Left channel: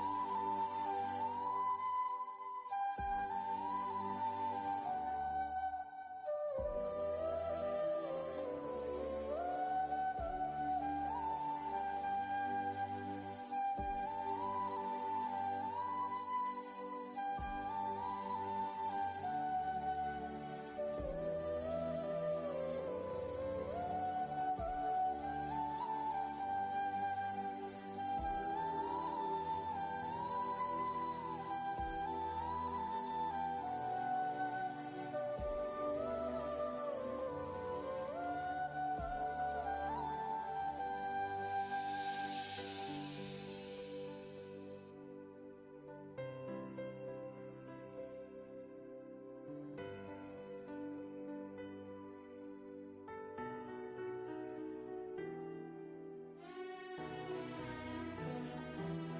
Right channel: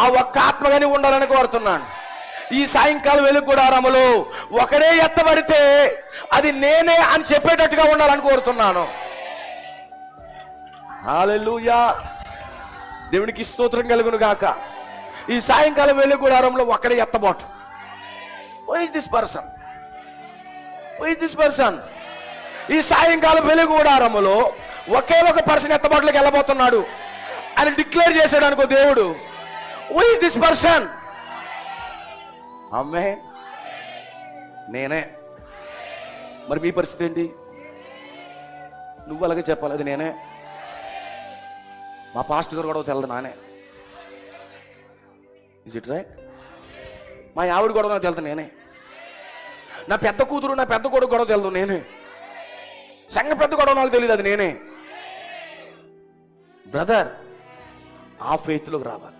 ఆ ఒక్క ఆత్మగాని ఉండాలని కోరుతున్నాను. ఈ సాయంకాలం వెలుగు గుడారములో ఒకడే ఎత్తబడితే అది నేనే అని చెప్పేటట్టుగా ఉండాలని కోరుతున్నాను. హల్లెలూయా, దేవునికి స్తోత్రం కలుగును గాక. ఈ సాయంకాలం వెలుగు గుడారంలో ఒకడే ఎత్తబోటు. Who is this person? Who is this person? ఈ సాయంకాలం వెలుగు గుడారములో ఒకే ఒక పర్సన్ ఎత్తబాటులోకి వెళ్ళబోతున్నాడు అని డిక్లేర్ చేశాడు అనుకో దేవుడు. Who is this person? అమ్మే నేనే. మరి మీ పరిస్థితి ఏంటి? నువ్వు అలాగే చెప్పాలి, అది నేనే. మా పాస్టర్ గారు కూడా తెలదు నానే. Is it right? మా ఆవిడ కూడా నాకు తెలుదు నేనే. నా పెద్ద కూతురు నా పెద్ద కొడుకు కూడా తెలుదు నేనే. సంఘ పెద్ద కూడా నాకు తెలియదు, అది నేనే. బ్రదర్, ఆ ఫెయిత్లోకి రావాలి.